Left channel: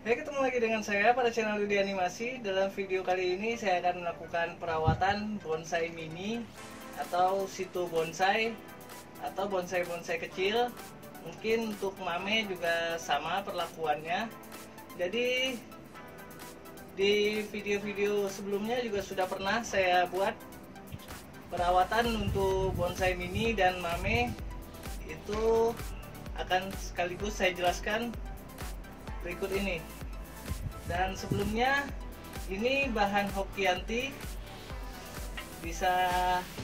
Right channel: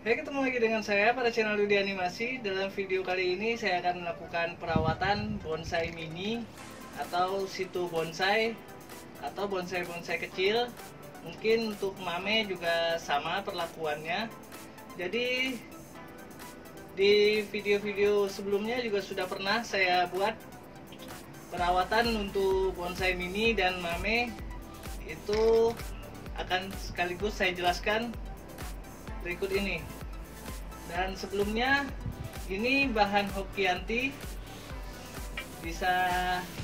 Baik, ketemu lagi dengan saya pada channel Yudi Animasi. Dalam video kali ini saya akan melakukan perawatan bonsai mini atau situ bonsai atau bonsai-bonsai kecil. Mungkin untuk mame juga sama perlakuannya. Jadi di video-video sebelumnya juga sudah pernah saya buat perawatan untuk bonsai mini dan mame. Itu akan sekaligus saya jelaskan berikut ini. Dan sebelumnya ini bahan Hokianti, bisa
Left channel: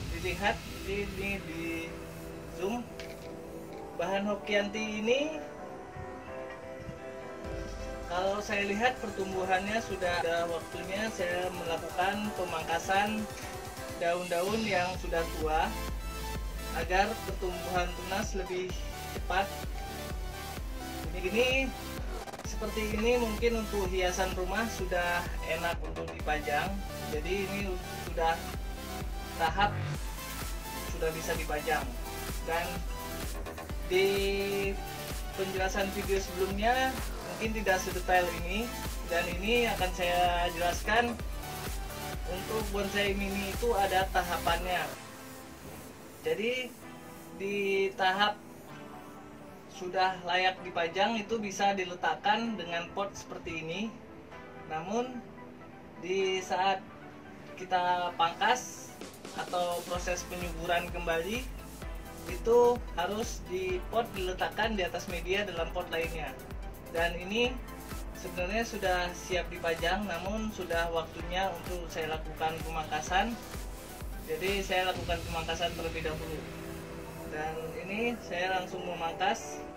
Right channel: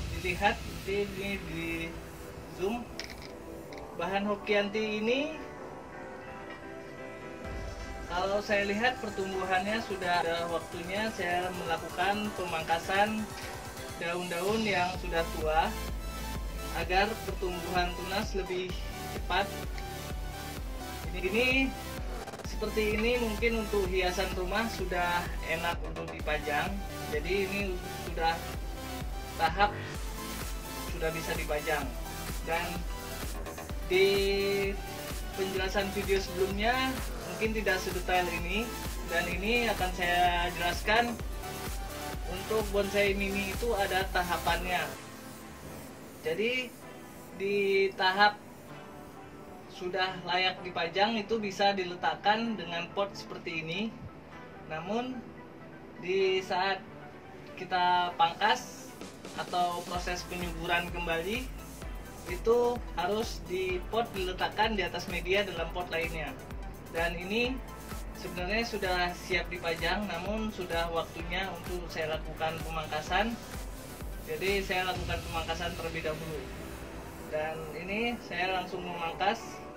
dilihat ini di zoom. Bahan Hokianti ini kalau saya lihat pertumbuhannya sudah waktunya saya melakukan pemangkasan daun-daun yang sudah tua agar pertumbuhan tunas lebih cepat. Ini seperti ini mungkin untuk hiasan rumah sudah enak untuk dipajang. Jadi ini sudah tahap sudah bisa dipajang. Dan di penjelasan video sebelumnya mungkin tidak sedetail ini, dan ini akan saya jelaskan. Untuk bonsai mini itu ada tahapannya. Jadi di tahap sudah layak dipajang itu bisa diletakkan dengan pot seperti ini. Namun di saat kita pangkas atau proses penyuburan kembali, itu harus di pot diletakkan di atas media dalam pot lainnya. Dan ini sebenarnya sudah siap dipajang, namun sudah waktunya untuk saya lakukan pemangkasan. Jadi saya lakukan pemangkasan terlebih dahulu. Dan ini saya langsung memangkas.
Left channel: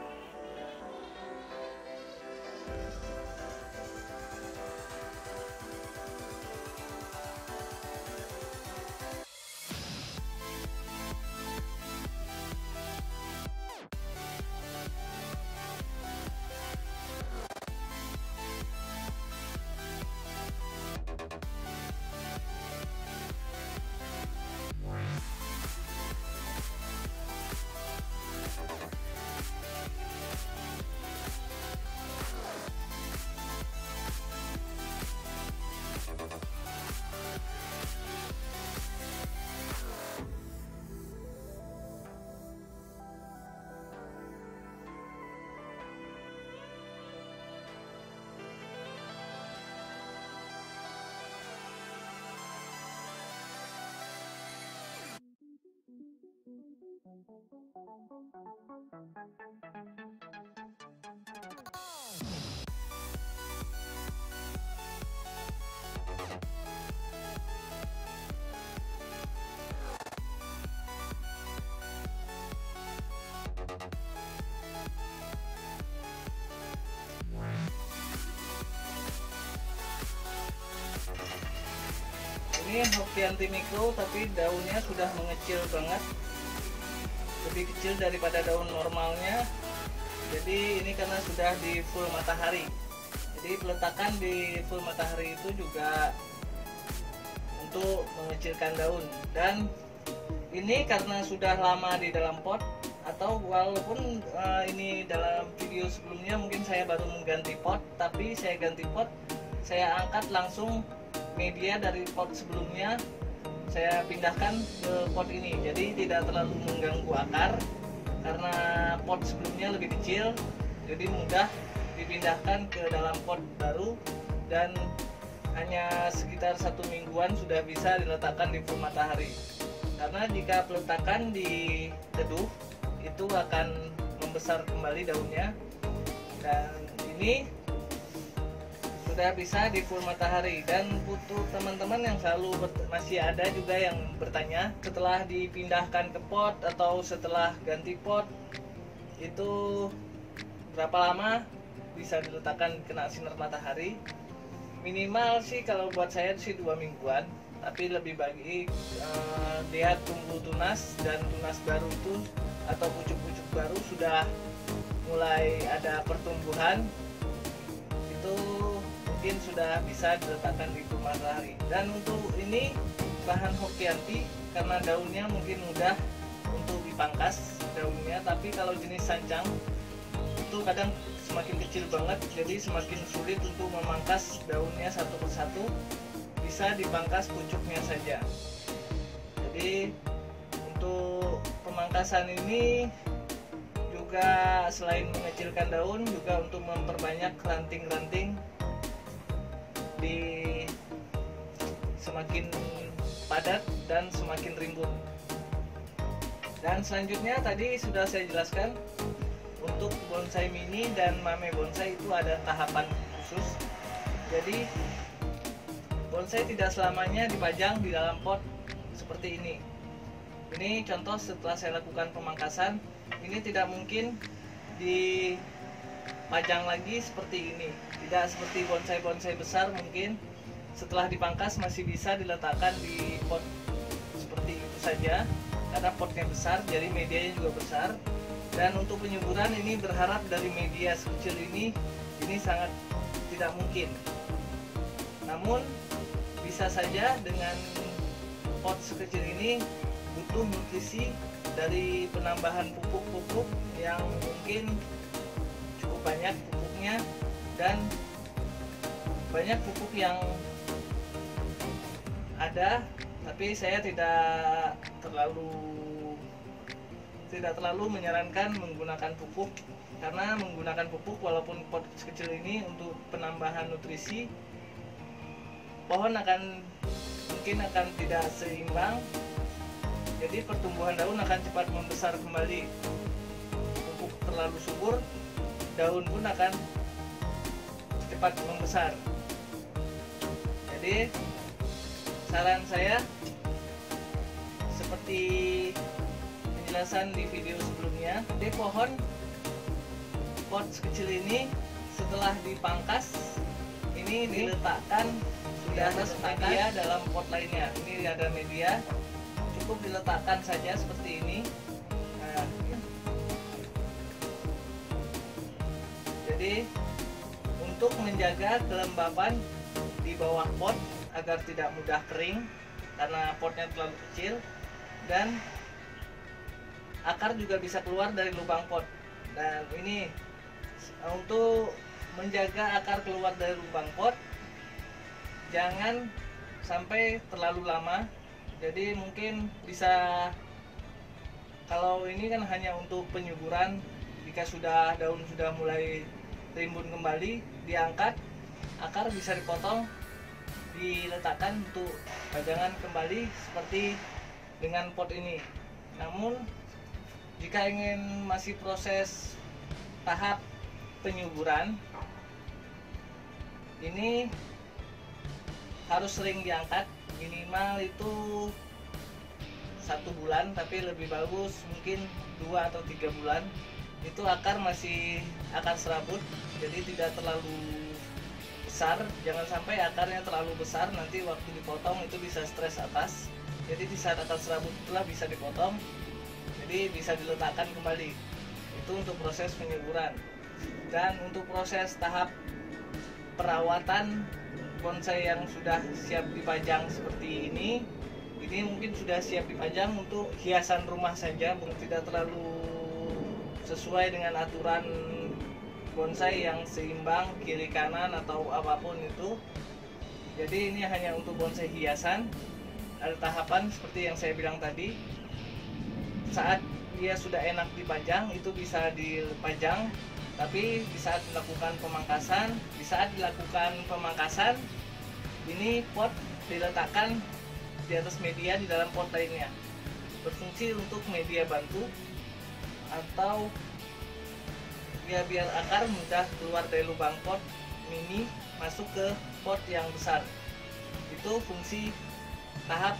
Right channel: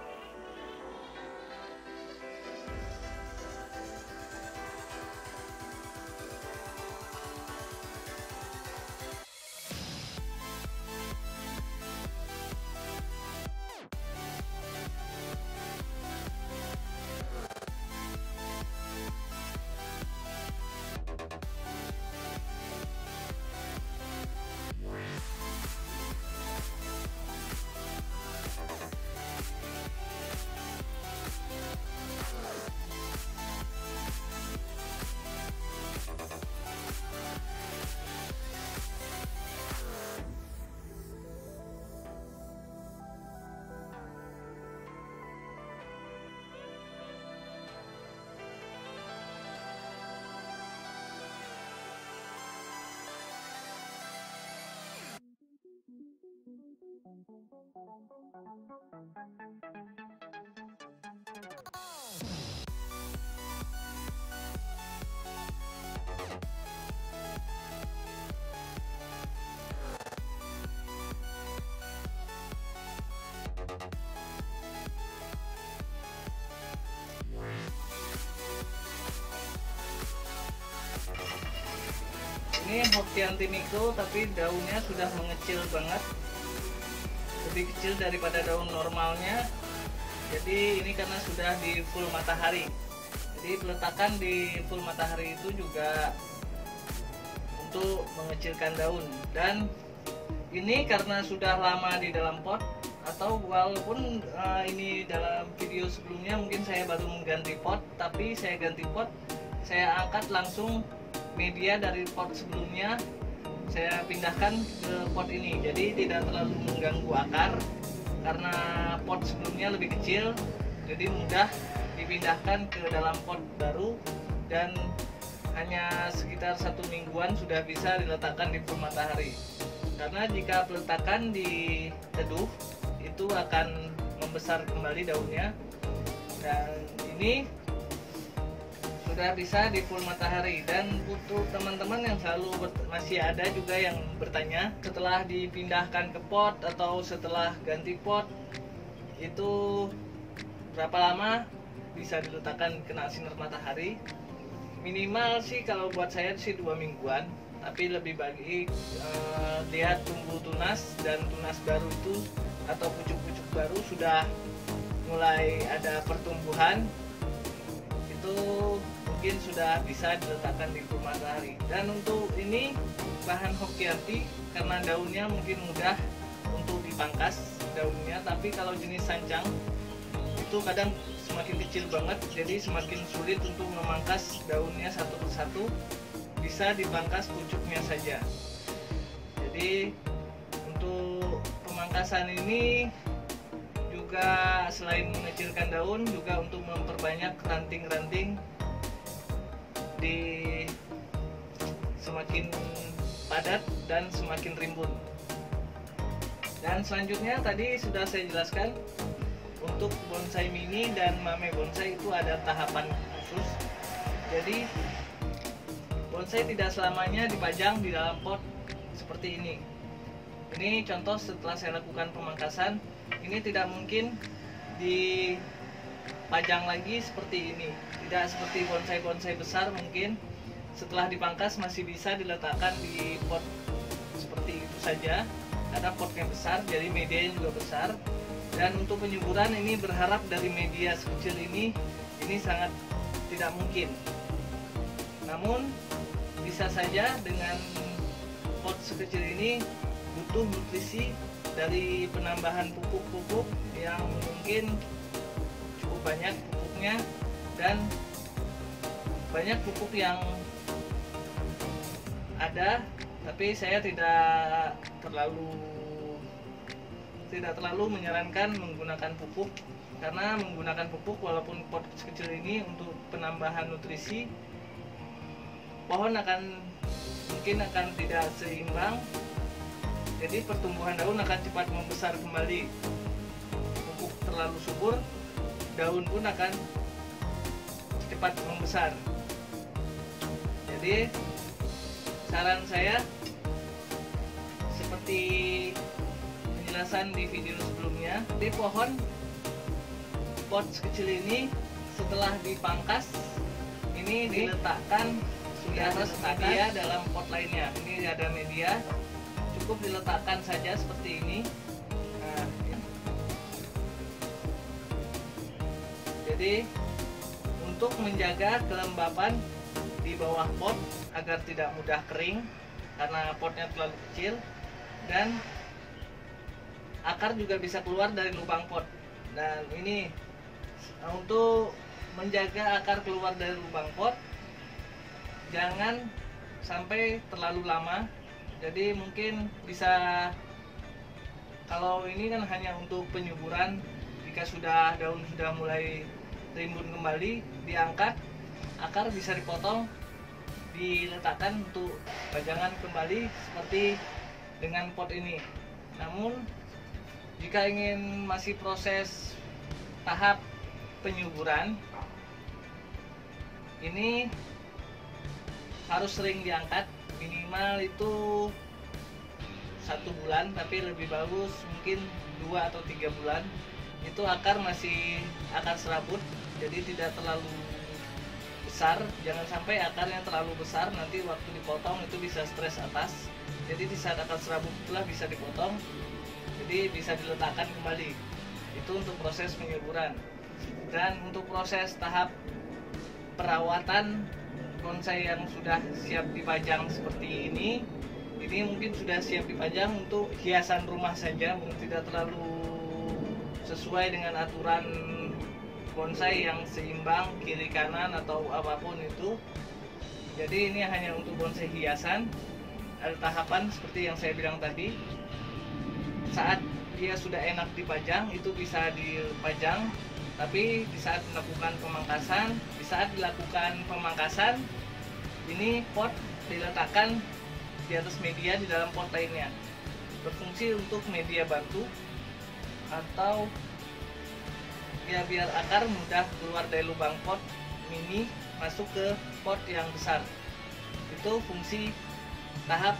Ini Hokianti Mikro, tapi daunnya sudah mengecil banget, lebih kecil daripada daun normalnya. Jadi ini karena sudah di full matahari. Jadi peletakan di full matahari itu juga untuk mengecilkan daun. Dan ini karena sudah lama di dalam pot, atau walaupun ini dalam video sebelumnya mungkin saya baru mengganti pot, tapi saya ganti pot, saya angkat langsung media dari pot sebelumnya, saya pindahkan ke pot ini. Jadi tidak terlalu mengganggu akar karena pot sebelumnya lebih kecil, jadi mudah dipindahkan ke dalam pot baru. Dan hanya sekitar 1 mingguan sudah bisa diletakkan di full matahari. Karena jika peletakan di teduh itu akan membesar kembali daunnya. Dan ini sudah bisa di full matahari. Dan untuk teman-teman yang selalu masih ada juga yang bertanya setelah dipindahkan ke pot atau setelah ganti pot itu berapa lama bisa diletakkan kena sinar matahari. Minimal sih kalau buat saya sih 2 mingguan, tapi lebih baik lihat tumbuh tunas dan tunas baru itu atau pucuk-pucuk baru sudah mulai ada pertumbuhan, itu mungkin sudah bisa diletakkan di full matahari. Dan untuk ini bahan Hokianti karena daunnya mungkin mudah untuk dipangkas daunnya, tapi kalau jenis sancang itu kadang semakin kecil banget, jadi semakin sulit untuk memangkas daunnya satu persatu. Bisa dipangkas pucuknya saja. Jadi untuk pemangkasan ini juga selain mengecilkan daun, juga untuk memperbanyak ranting-ranting di semakin padat dan semakin rimbun. Dan selanjutnya tadi sudah saya jelaskan, untuk bonsai mini dan mame bonsai itu ada tahapan khusus. Jadi bonsai tidak selamanya dipajang di dalam pot seperti ini. Ini contoh setelah saya lakukan pemangkasan, ini tidak mungkin dipajang lagi seperti ini. Tidak seperti bonsai-bonsai besar, mungkin setelah dipangkas masih bisa diletakkan di pot seperti itu saja, karena potnya besar, jadi medianya juga besar. Dan untuk penyuburan ini berharap dari media sekecil ini sangat tidak mungkin. Namun bisa saja dengan pot sekecil ini butuh nutrisi dari penambahan pupuk-pupuk yang mungkin cukup banyak pupuknya, dan banyak pupuk yang ada, tapi saya tidak terlalu menyarankan menggunakan pupuk, karena menggunakan pupuk walaupun pot kecil ini untuk penambahan nutrisi, pohon mungkin akan tidak seimbang, jadi pertumbuhan daun akan cepat membesar kembali. Pupuk terlalu subur, daun pun akan cepat membesar. Jadi saran saya seperti penjelasan di video sebelumnya, di pohon pot kecil ini setelah dipangkas ini diletakkan di atas media dalam pot lainnya. Ini ada media, cukup diletakkan saja seperti ini. Nah, jadi untuk menjaga kelembapan di bawah pot agar tidak mudah kering karena potnya terlalu kecil, dan akar juga bisa keluar dari lubang pot. Dan ini untuk menjaga akar keluar dari lubang pot, jangan sampai terlalu lama. Jadi mungkin bisa, kalau ini kan hanya untuk penyuburan, jika daun sudah mulai rimbun kembali, diangkat, akar bisa dipotong, diletakkan untuk pajangan kembali seperti dengan pot ini. Namun jika ingin masih proses tahap penyuburan, ini harus sering diangkat, minimal itu 1 bulan, tapi lebih bagus mungkin 2 atau 3 bulan. Itu akar masih akan serabut, jadi tidak terlalu besar. Jangan sampai akarnya terlalu besar, nanti waktu dipotong itu bisa stres atas. Jadi di saat akar serabut itulah bisa dipotong, jadi bisa diletakkan kembali. Itu untuk proses penyuburan. Dan untuk proses tahap perawatan bonsai yang sudah siap dipajang seperti ini mungkin sudah siap dipajang untuk hiasan rumah saja, mungkin tidak terlalu sesuai dengan aturan bonsai yang seimbang kiri kanan atau apapun itu. Jadi ini hanya untuk bonsai hiasan. Ada tahapan seperti yang saya bilang tadi. Saat dia sudah enak dipajang, itu bisa dipajang. Tapi di saat dilakukan pemangkasan, ini pot diletakkan di atas media di dalam pot lainnya. Berfungsi untuk media bantu, atau ya biar akar mudah keluar dari lubang pot mini masuk ke pot yang besar. Itu fungsi tahap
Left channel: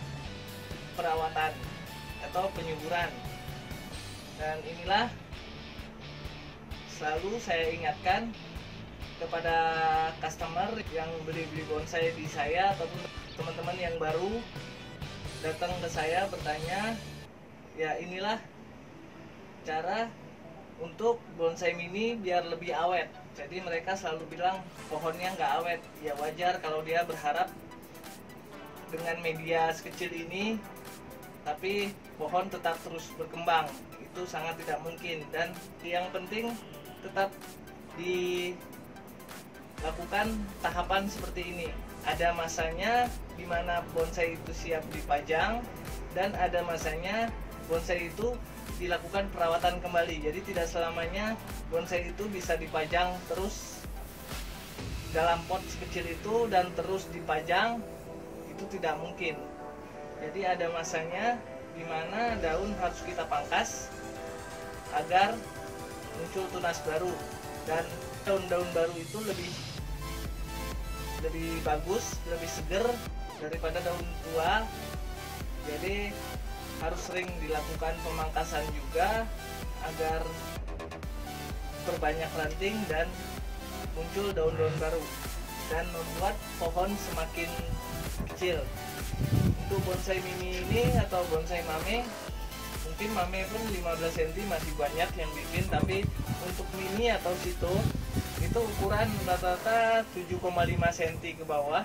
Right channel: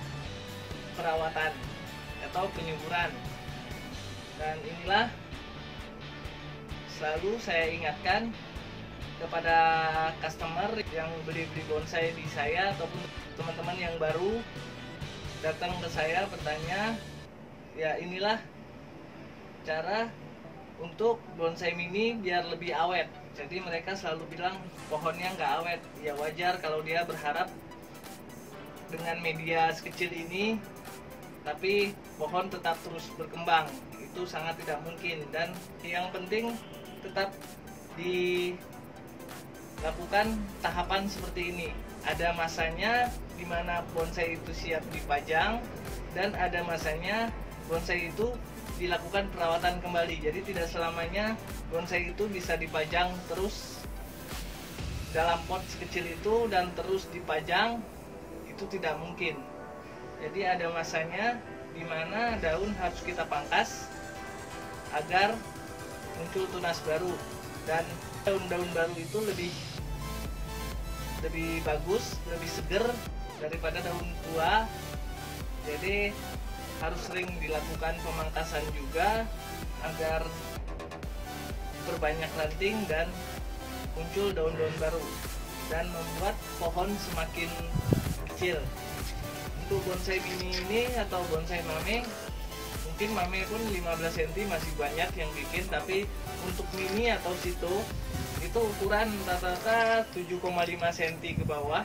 perawatan atau penyuburan. Dan inilah selalu saya ingatkan kepada customer yang beli bonsai di saya, ataupun teman-teman yang baru datang ke saya bertanya, ya inilah cara untuk bonsai mini biar lebih awet. Jadi mereka selalu bilang pohonnya nggak awet. Ya wajar kalau dia berharap dengan media sekecil ini tapi pohon tetap terus berkembang. Itu sangat tidak mungkin. Dan yang penting tetap dilakukan tahapan seperti ini. Ada masanya di mana bonsai itu siap dipajang, dan ada masanya bonsai itu dilakukan perawatan kembali. Jadi tidak selamanya bonsai itu bisa dipajang terus dalam pot sekecil itu dan terus dipajang, itu tidak mungkin. Jadi ada masanya di mana daun harus kita pangkas agar muncul tunas baru, dan daun-daun baru itu lebih bagus, lebih seger daripada daun tua. Jadi harus sering dilakukan pemangkasan juga agar berbanyak ranting dan muncul daun-daun baru dan membuat pohon semakin kecil. Untuk bonsai mini ini atau bonsai mame, mungkin mame pun 15 cm masih banyak yang bikin, tapi untuk mini atau situ itu ukuran rata-rata 7,5 cm ke bawah.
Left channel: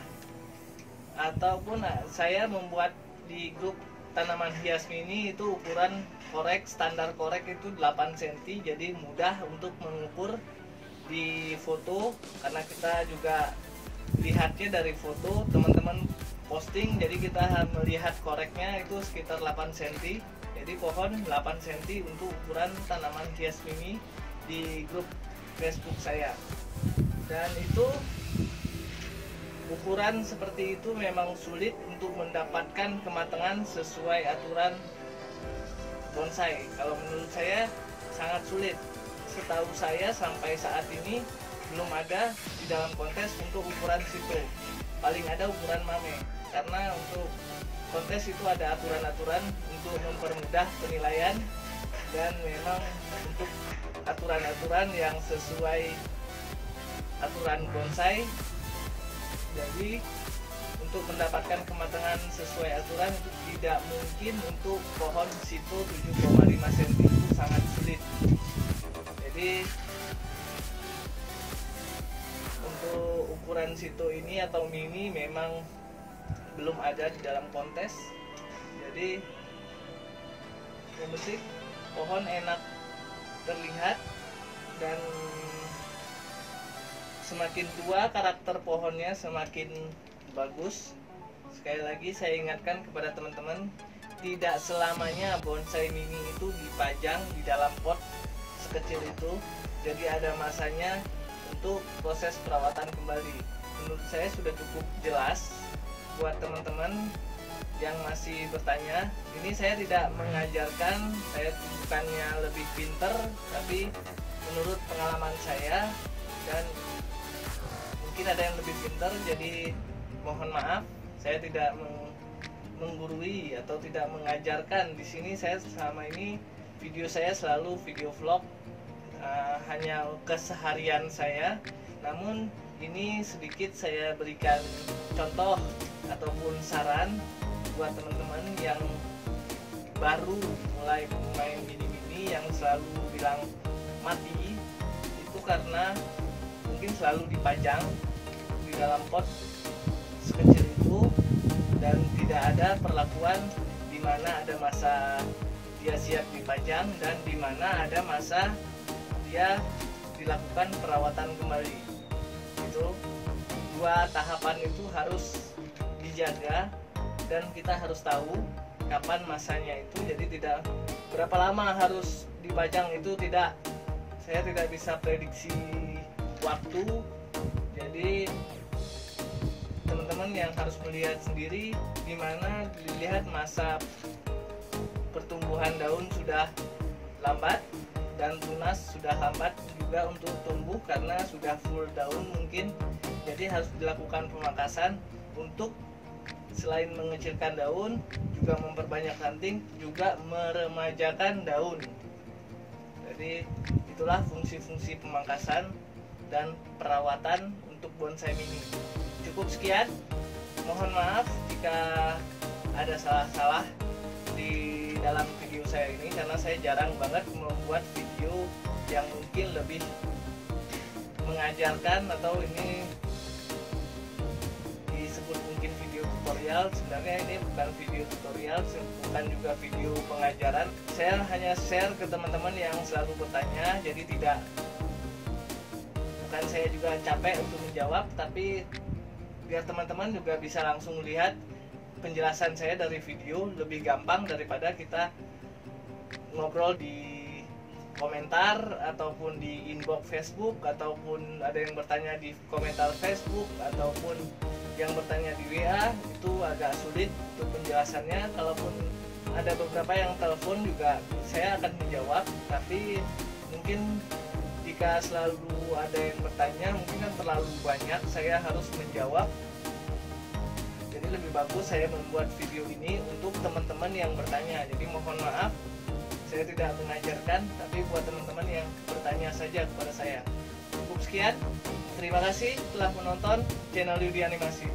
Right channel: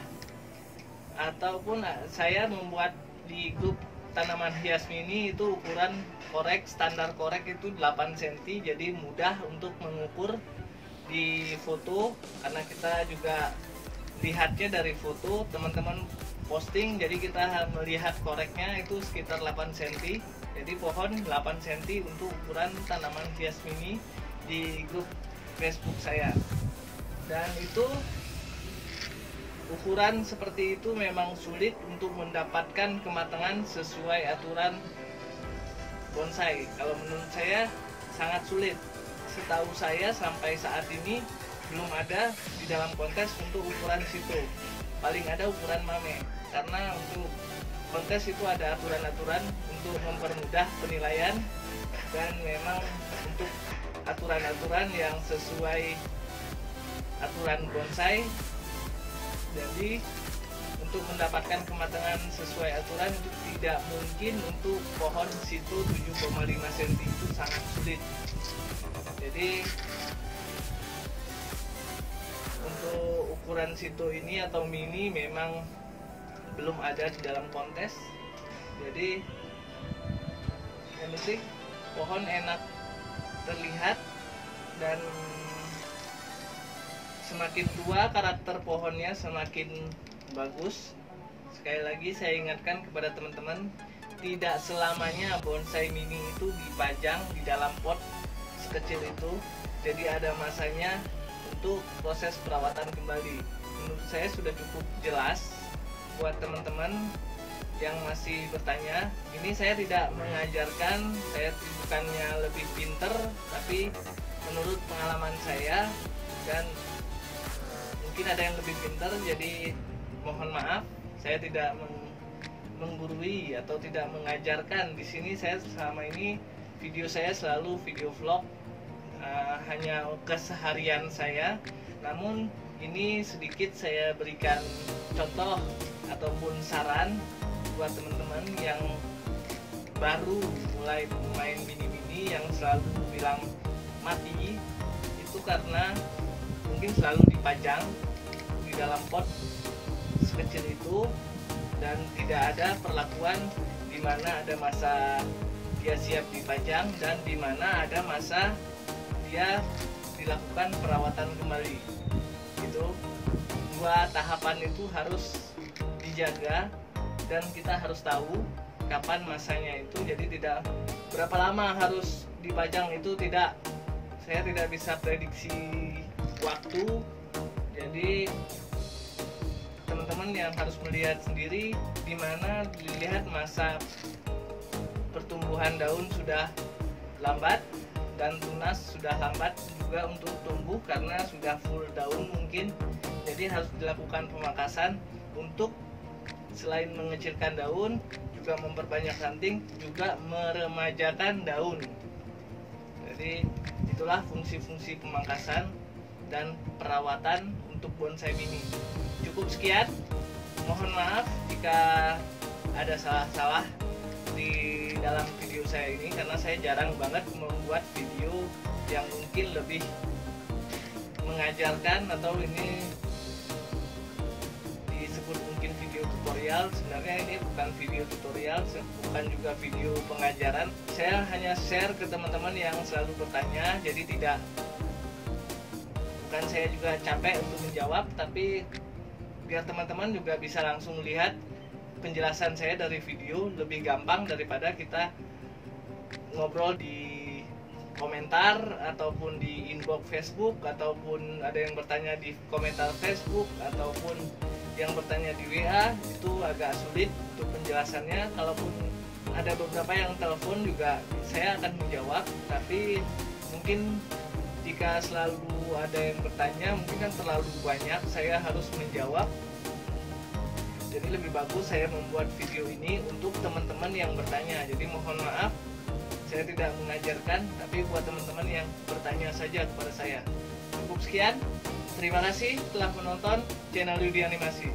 Ataupun saya membuat di grup tanaman hias mini itu ukuran korek, standar korek itu 8 cm, jadi mudah untuk mengukur di foto, karena kita juga lihatnya dari foto teman-teman posting, jadi kita melihat koreknya itu sekitar 8 cm. Jadi pohon 8 cm untuk ukuran tanaman hias mini di grup Facebook saya. Dan itu ukuran seperti itu memang sulit untuk mendapatkan kematangan sesuai aturan bonsai. Kalau menurut saya sangat sulit. Setahu saya sampai saat ini belum ada di dalam kontes untuk ukuran situ. Paling ada ukuran mame. Karena untuk kontes itu ada aturan-aturan untuk mempermudah penilaian, dan memang untuk aturan-aturan yang sesuai aturan bonsai. Jadi untuk mendapatkan kematangan sesuai aturan itu tidak mungkin. Untuk pohon situ 7,5 cm itu sangat sulit. Jadi untuk ukuran situ ini atau mini memang belum ada di dalam kontes. Jadi yang penting pohon enak terlihat, dan semakin tua karakter pohonnya semakin bagus. Sekali lagi saya ingatkan kepada teman-teman, tidak selamanya bonsai mini itu dipajang di dalam pot sekecil itu. Jadi ada masanya untuk proses perawatan kembali. Menurut saya sudah cukup jelas. Buat teman-teman yang masih bertanya, ini saya tidak mengajarkan, saya bukannya lebih pinter, tapi menurut pengalaman saya, dan mungkin ada yang lebih pintar, jadi mohon maaf saya tidak menggurui atau tidak mengajarkan. Di sini saya selama ini video saya selalu video vlog, hanya keseharian saya. Namun ini sedikit saya berikan contoh ataupun saran buat teman-teman yang baru mulai bermain mini-mini, yang selalu bilang mati. Itu karena mungkin selalu dipajang di dalam pot sekecil itu, dan tidak ada perlakuan di mana ada masa dia siap dipajang dan di mana ada masa dia dilakukan perawatan kembali. Itu dua tahapan itu harus dijaga, dan kita harus tahu kapan masanya itu. Jadi tidak berapa lama harus dipajang, itu tidak, saya tidak bisa prediksi waktu. Jadi teman-teman yang harus melihat sendiri, di mana dilihat masa pertumbuhan daun sudah lambat dan tunas sudah lambat juga untuk tumbuh karena sudah full daun mungkin. Jadi harus dilakukan pemangkasan untuk selain mengecilkan daun, juga memperbanyak ranting, juga meremajakan daun. Jadi itulah fungsi-fungsi pemangkasan dan perawatan untuk bonsai mini. Cukup sekian, mohon maaf jika ada salah-salah di dalam video saya ini, karena saya jarang banget membuat video yang mungkin lebih mengajarkan, atau ini disebut mungkin video tutorial. Sebenarnya ini bukan video tutorial, bukan juga video pengajaran. Saya hanya share ke teman-teman yang selalu bertanya, jadi tidak dan saya juga capek untuk menjawab, tapi biar teman-teman juga bisa langsung lihat penjelasan saya dari video, lebih gampang daripada kita ngobrol di komentar ataupun di inbox Facebook, ataupun ada yang bertanya di komentar Facebook, ataupun yang bertanya di WA. Itu agak sulit untuk penjelasannya. Kalaupun ada beberapa yang telepon juga saya akan menjawab, tapi mungkin jika selalu ada yang bertanya mungkin kan terlalu banyak, saya harus menjawab. Jadi lebih bagus saya membuat video ini untuk teman-teman yang bertanya. Jadi mohon maaf saya tidak mengajarkan, tapi buat teman-teman yang bertanya saja kepada saya. Cukup sekian, terima kasih telah menonton channel Yudi Animasi.